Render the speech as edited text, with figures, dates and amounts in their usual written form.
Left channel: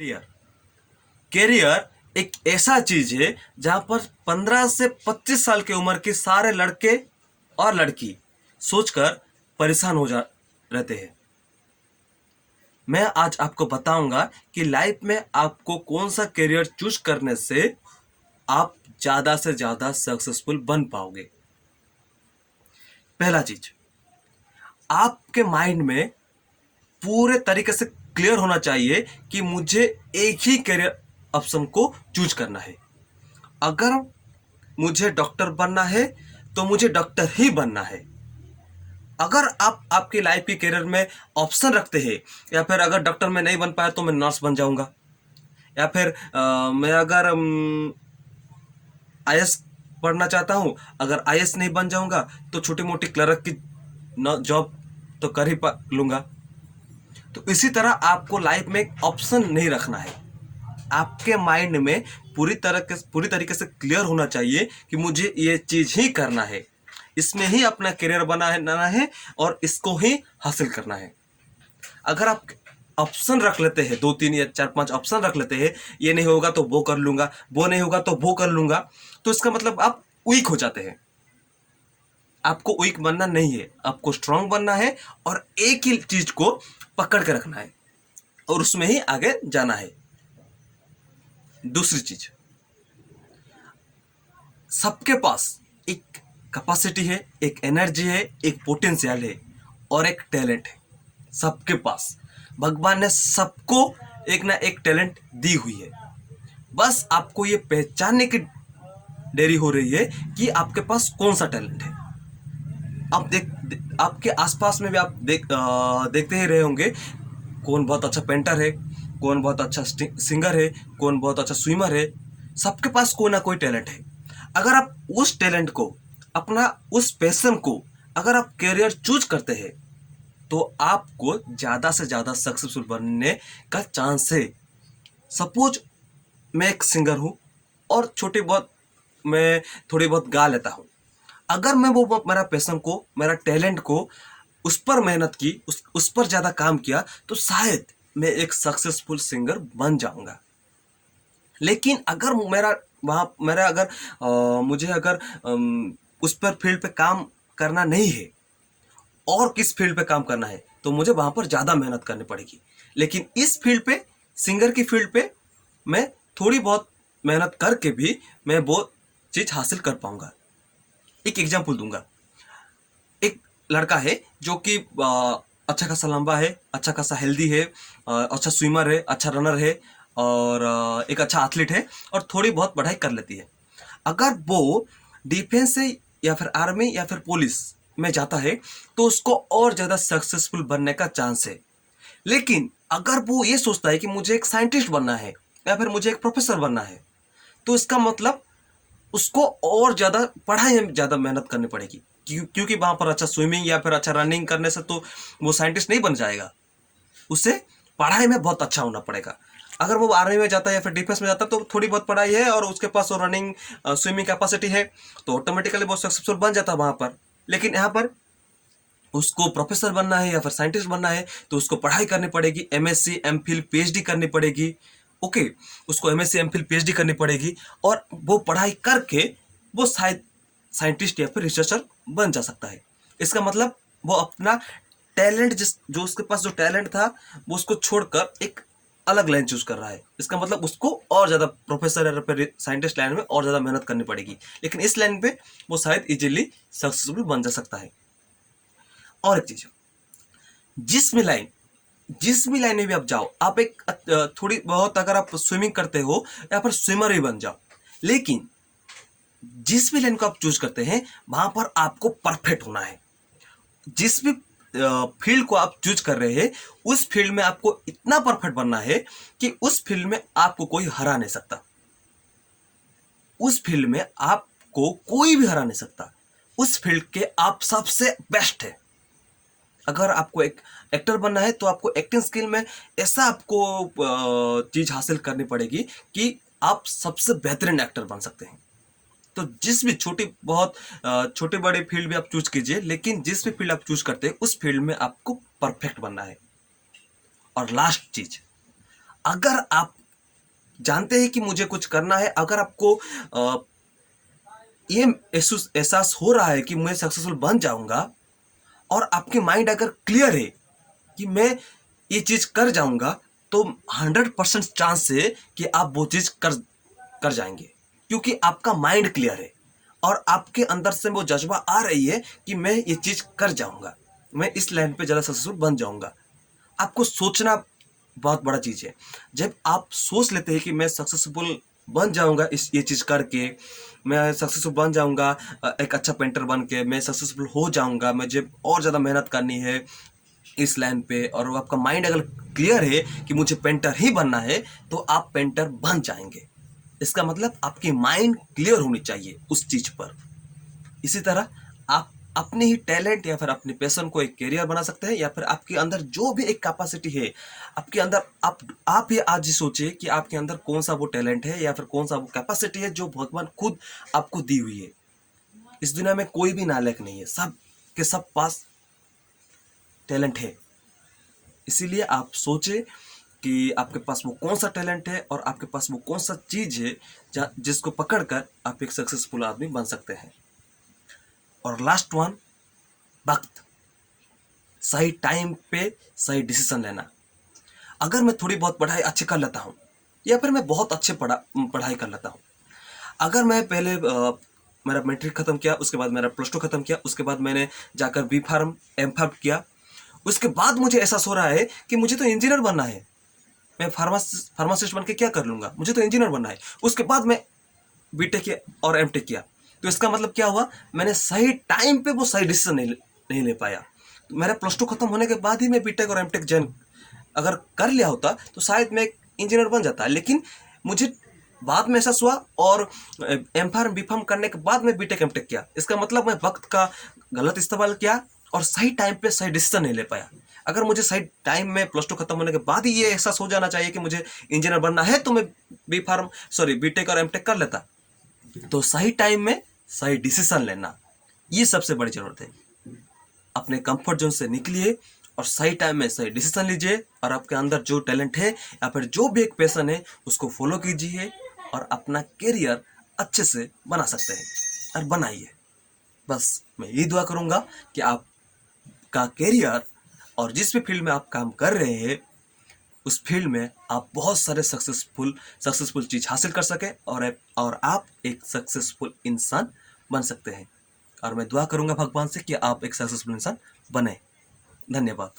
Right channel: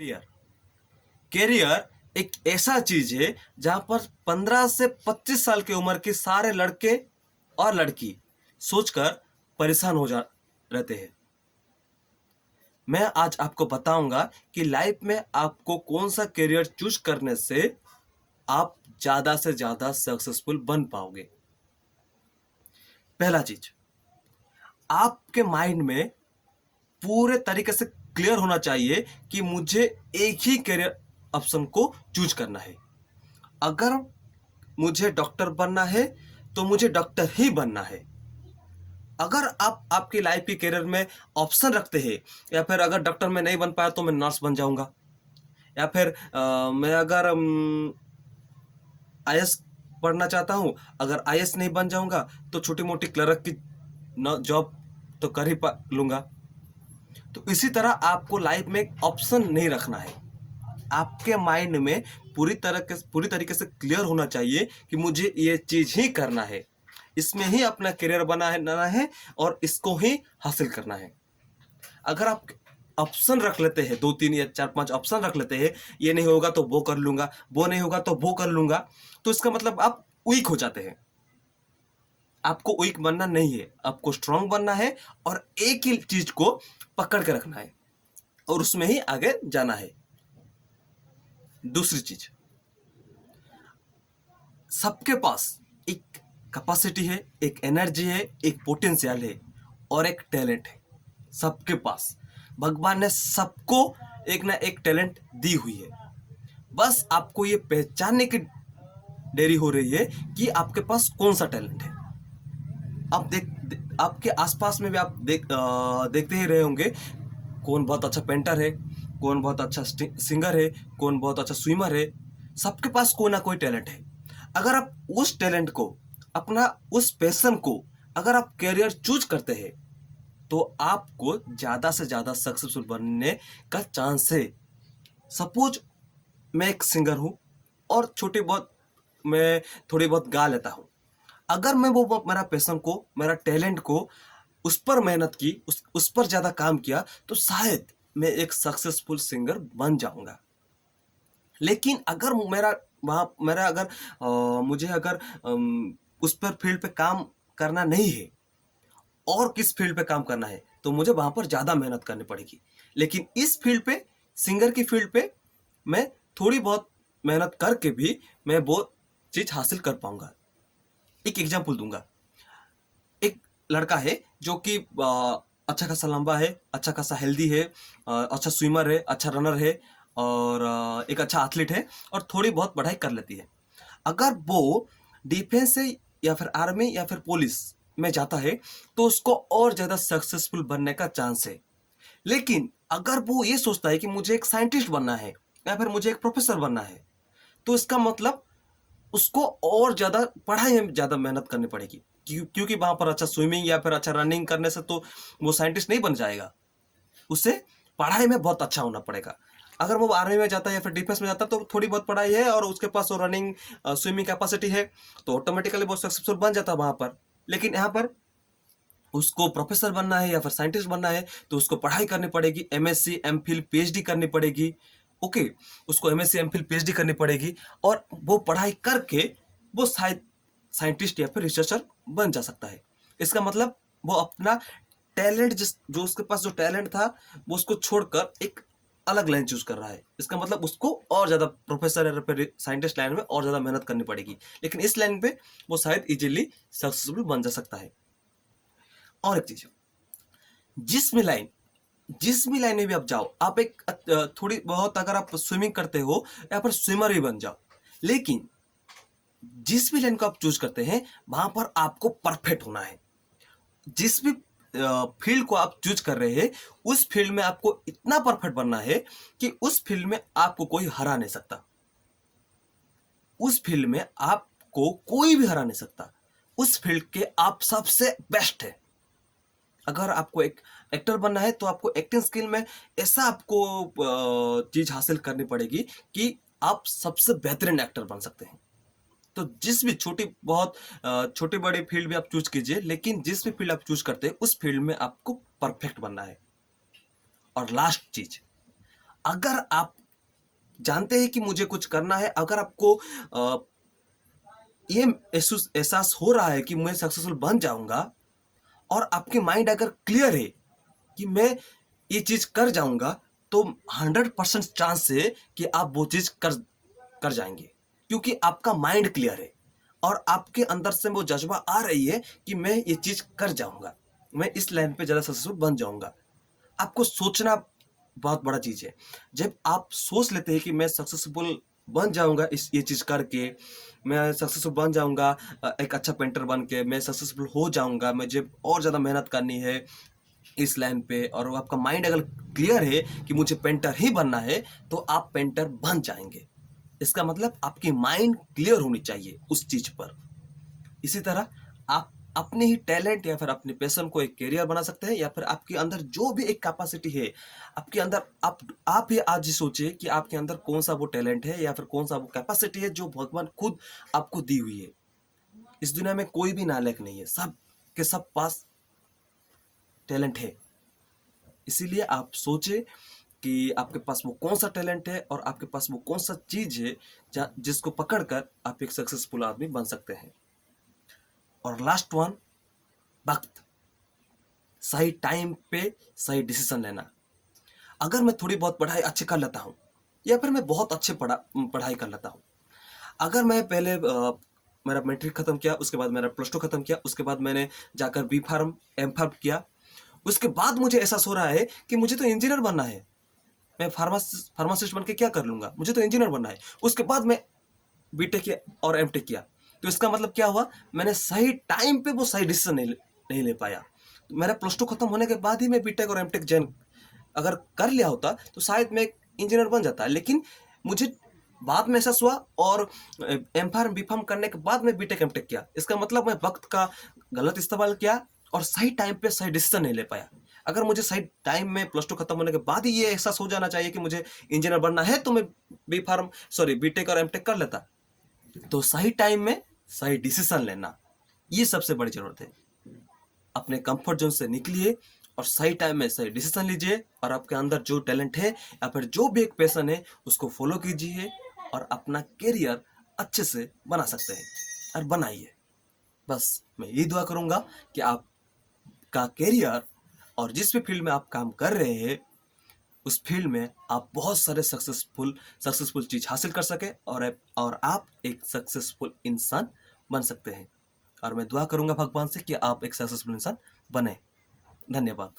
Career career एक ऐसा चीज है जहां पर 15 से 25 साल की उम्र के सारे लड़के और लड़की सोचकर परेशान हो जा रहते हैं। मैं आज आपको बताऊंगा कि लाइफ में आपको कौन सा करियर चूज करने से आप ज्यादा से ज्यादा सक्सेसफुल बन पाओगे। पहला चीज, आपके माइंड में पूरे तरीके से क्लियर होना चाहिए कि मुझे एक ही करियर ऑप्शन को चूज करना है। अगर मुझे डॉक्टर बनना है तो मुझे डॉक्टर ही बनना है। अगर आप आपकी लाइफ के करियर में ऑप्शन रखते हैं, या फिर अगर डॉक्टर में नहीं बन पाया तो मैं नर्स बन जाऊंगा, या फिर मैं अगर आईएएस पढ़ना चाहता हूं, अगर आईएएस नहीं बन जाऊंगा तो छोटी मोटी क्लर्क की जॉब तो कर ही लूंगा। तो इसी तरह आपको लाइफ में एक ऑप्शन नहीं रखना है। आपके माइंड में पूरी तरीके से क्लियर होना चाहिए कि मुझे ये चीज ही करना है, इसमें ही अपना करियर बनाना है और इसको ही हासिल करना है। अगर आप ऑप्शन रख लेते हैं, 2 3 या 4 5 ऑप्शन रख लेते हैं, ये नहीं होगा तो वो कर लूंगा, वो नहीं होगा तो वो कर लूंगा, तो इसका मतलब आप वीक हो जाते हैं। आपको वीक बनना नहीं है, आपको स्ट्रांग बनना है और एक ही चीज को पकड़ के रखना है और उसमें ही आगे जाना है। दूसरी चीज, सबके पास एक कैपेसिटी है, एक एनर्जी है, एक पोटेंशियल है और एक टैलेंट है। सबके पास भगवान ने सबको एक ना एक टैलेंट दी हुई है। बस आपको ये पहचानने की देरी हो रही है कि आपके पास कौन सा टैलेंट है। आप आपके आसपास में भी आप देखते ही रहे होंगे, कौन बहुत अच्छा पेंटर है, कौन बहुत अच्छा सिंगर है, कौन बहुत अच्छा स्विमर है। सबके पास कोई ना कोई टैलेंट है। अगर आप उस टैलेंट को, अपना उस पैशन को अगर आप कैरियर चूज करते हैं तो आपको ज्यादा से ज्यादा सक्सेसफुल बनने का चांस है। सपोज मैं एक सिंगर हूं और छोटी बहुत मैं थोड़ी बहुत गा लेता हूं। अगर मैं वो मेरा पैशन को, मेरा टैलेंट को, उस पर मेहनत की, उस पर ज्यादा काम किया तो शायद मैं एक सक्सेसफुल सिंगर बन जाऊंगा। लेकिन अगर मेरा अगर मुझे अगर उस पर फील्ड पे काम करना नहीं है और किस फील्ड पे काम करना है तो मुझे वहां पर ज्यादा मेहनत करनी पड़ेगी। लेकिन इस फील्ड पे, सिंगर की फील्ड पे, मैं थोड़ी बहुत मेहनत करके भी मैं वो चीज हासिल कर पाऊंगा। एक एग्जांपल दूंगा। एक लड़का है जो कि अच्छा खासा लंबा है, अच्छा खासा हेल्दी है, अच्छा स्विमर है, अच्छा रनर है और एक अच्छा एथलीट है और थोड़ी बहुत पढ़ाई कर लेती है। अगर वो डिफेंस से या फिर आर्मी या फिर पुलिस में जाता है तो उसको और ज्यादा सक्सेसफुल बनने का चांस है। लेकिन अगर वो ये सोचता है कि मुझे एक साइंटिस्ट बनना है या फिर मुझे एक प्रोफेसर बनना है तो इसका मतलब उसको और ज्यादा पढ़ाई में ज्यादा मेहनत करनी पड़ेगी, क्योंकि वहां पर अच्छा स्विमिंग या फिर अच्छा रनिंग करने से तो वो साइंटिस्ट नहीं बन जाएगा। उसे पढ़ाई में बहुत अच्छा होना पड़ेगा। अगर वो आर्मी में जाता है या फिर डिफेंस में जाता है तो थोड़ी बहुत पढ़ाई है और उसके पास वो रनिंग स्विमिंग कैपेसिटी है तो ऑटोमेटिकली वो सक्सेसफुल बन जाता है वहां पर। लेकिन यहाँ पर उसको प्रोफेसर बनना है या फिर साइंटिस्ट बनना है तो उसको पढ़ाई करनी पड़ेगी, एमएससी एमफिल पीएचडी करनी पड़ेगी। ओके, उसको एमएससी एमफिल पीएचडी करनी पड़ेगी और वो पढ़ाई करके वो शायद साइंटिस्ट या फिर रिसर्चर बन जा सकता है। इसका मतलब वो अपना टैलेंट, जिस जो उसके पास जो टैलेंट था वो उसको छोड़कर एक अलग लाइन चूज कर रहा है। इसका मतलब उसको और ज्यादा प्रोफेसर या फिर साइंटिस्ट लाइन में और ज्यादा मेहनत करनी पड़ेगी, लेकिन इस लाइन पे वो शायद इजीली सक्सेसफुल बन जा सकता है। और एक चीज, जिस भी लाइन जिस भी लाइन में भी आप जाओ, आप एक थोड़ी बहुत अगर आप स्विमिंग करते हो या फिर स्विमर ही बन जाओ, लेकिन जिस भी लाइन को आप चूज करते हैं वहां पर आपको परफेक्ट होना है। जिस भी फील्ड को आप चूज कर रहे हैं उस फील्ड में आपको इतना परफेक्ट बनना है कि उस फील्ड में आपको कोई हरा नहीं सकता। उस फील्ड में आपको कोई भी हरा नहीं सकता। उस फील्ड के आप सबसे बेस्ट है। अगर आपको एक एक्टर बनना है तो आपको एक्टिंग स्किल में ऐसा आपको चीज हासिल करनी पड़ेगी कि आप सबसे बेहतरीन एक्टर बन सकते हैं। तो जिस भी छोटी बड़ी फील्ड भी आप चूज कीजिए, लेकिन जिस भी फील्ड आप चूज करते हैं उस फील्ड में आपको परफेक्ट बनना है। और लास्ट चीज, अगर आप जानते हैं कि मुझे कुछ करना है, अगर आपको ये एहसास हो रहा है कि मैं सक्सेसफुल बन जाऊंगा, और आपकी माइंड अगर क्लियर है कि मैं ये चीज कर जाऊंगा, तो 100% चांस है कि आप वो चीज कर कर जाएंगे, क्योंकि आपका माइंड क्लियर है और आपके अंदर से वो जज्बा आ रही है कि मैं ये चीज कर जाऊंगा, मैं इस लाइन पे ज़्यादा सक्सेसफुल बन जाऊंगा। आपको सोचना बहुत बड़ा चीज है। जब आप सोच लेते हैं कि मैं सक्सेसफुल बन जाऊंगा इस ये चीज करके, मैं सक्सेसफुल बन जाऊंगा, एक अच्छा पेंटर बन के मैं सक्सेसफुल हो जाऊंगा, मुझे और ज़्यादा मेहनत करनी है इस लाइन पे, और आपका माइंड अगर क्लियर है कि मुझे पेंटर ही बनना है, तो आप पेंटर बन जाएंगे। इसका मतलब आपकी माइंड क्लियर होनी चाहिए उस चीज पर। इसी तरह आप अपने ही टैलेंट या फिर अपने पैशन को एक कैरियर बना सकते हैं, या फिर आपके अंदर जो भी एक कैपेसिटी है आपके अंदर, आप ही आज ही सोचिए कि आपके अंदर कौन सा वो टैलेंट है या फिर कौन सा वो कैपेसिटी है जो भगवान खुद आपको दी हुई है। इस दुनिया में कोई भी नालायक नहीं है, सब के सब पास टैलेंट है। इसीलिए आप सोचे कि आपके पास वो कौन सा टैलेंट है और आपके पास वो कौन सा चीज है जिसको पकड़कर आप एक सक्सेसफुल आदमी बन सकते हैं। और लास्ट वन, वक्त। सही टाइम पे सही डिसीजन लेना। अगर मैं थोड़ी बहुत पढ़ाई अच्छी कर लेता हूँ, या फिर मैं बहुत अच्छे पढ़ाई कर लेता हूँ, अगर मैं पहले मेरा मैट्रिक खत्म किया, उसके बाद मेरा प्लस टू खत्म किया, उसके बाद मैंने जाकर बी फार्म एम फार्म किया, उसके बाद मुझे एहसास हो रहा है कि मुझे तो इंजीनियर बनना है, मैं फार्मासिस्ट बन के क्या कर लूंगा, मुझे तो इंजीनियर बनना है। उसके बाद मैं बीटेक किया और एमटेक किया। तो इसका मतलब क्या हुआ, मैंने सही टाइम पे वो सही डिसीजन नहीं ले पाया। तो मेरा प्लस टू खत्म होने के बाद ही मैं बीटेक और एमटेक ज्वाइन अगर कर लिया होता, तो शायद मैं इंजीनियर बन जाता। लेकिन मुझे बाद में एहसास हुआ, और एम फार्म बी फार्म करने के बाद मैं बीटेक एमटेक किया। इसका मतलब मैं वक्त का गलत इस्तेमाल किया और सही टाइम पे सही डिसीजन नहीं ले पाया। अगर मुझे सही टाइम में प्लस टू खत्म होने के बाद ही ये एहसास हो जाना चाहिए कि मुझे इंजीनियर बनना है, तो मैं बीटेक और एमटेक कर लेता। तो सही टाइम में सही डिसीजन लेना, ये सबसे बड़ी जरूरत है। अपने कंफर्ट जोन से निकलिए और सही टाइम में सही डिसीजन लीजिए, और आपके अंदर जो टैलेंट है या फिर जो भी एक पैशन है उसको फॉलो कीजिए और अपना करियर अच्छे से बना सकते हैं, और बनाइए। बस मैं यही दुआ करूंगा कि आपका करियर और जिस भी फील्ड में आप काम कर रहे हैं, उस फील्ड में आप बहुत सारे सक्सेसफुल चीज हासिल कर सके, और आप एक सक्सेसफुल इंसान बन सकते हैं। और मैं दुआ करूंगा भगवान से कि आप एक सक्सेसफुल इंसान बने। धन्यवाद।